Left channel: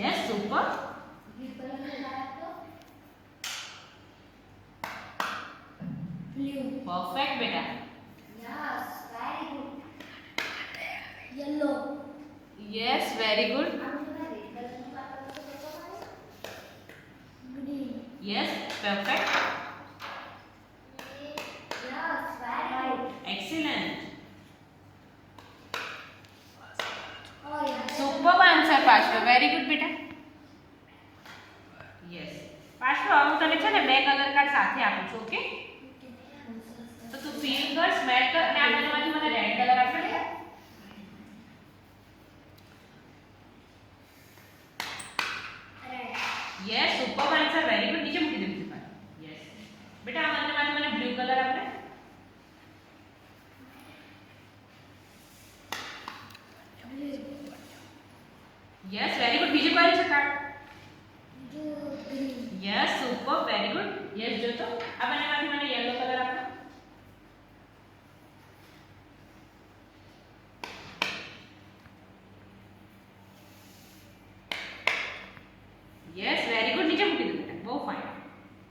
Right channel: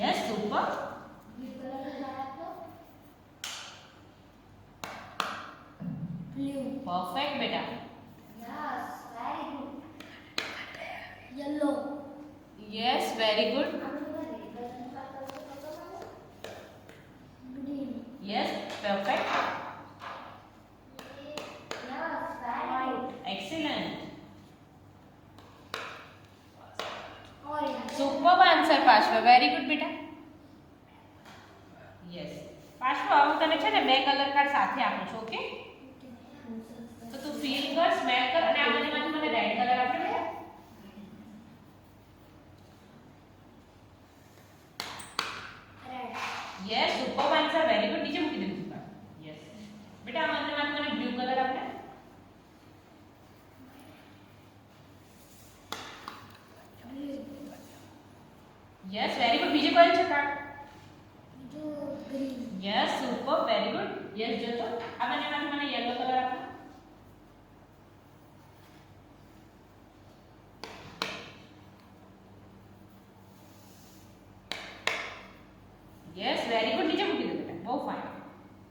Yes super. Blue. Perfect બેટા. Yes, very good. Yellow. Yes very good. Green. Yes perfect. Yes, very good. Excellent. Orange. Super answer પાછળ. Very good બેટા. યસ પાછળ હું તને છે ને બે કલર કાર્ડ સાથે આપું છું. ઓકે, તો તું ફીલ કર, સ્મેલ કર અને આમાંથી મને રેડ કલર આપે ને. Red. Yes super answer. Very good. નીચે મૂકી દે બીજું કાર્ડ. યસ બેટા આમાંથી મને બ્લુ કલર આપે. Yes very good. બીજું કયું છે card? Green. Yes super very good. Yes જો તો આ બંનેમાંથી મને યલો કલર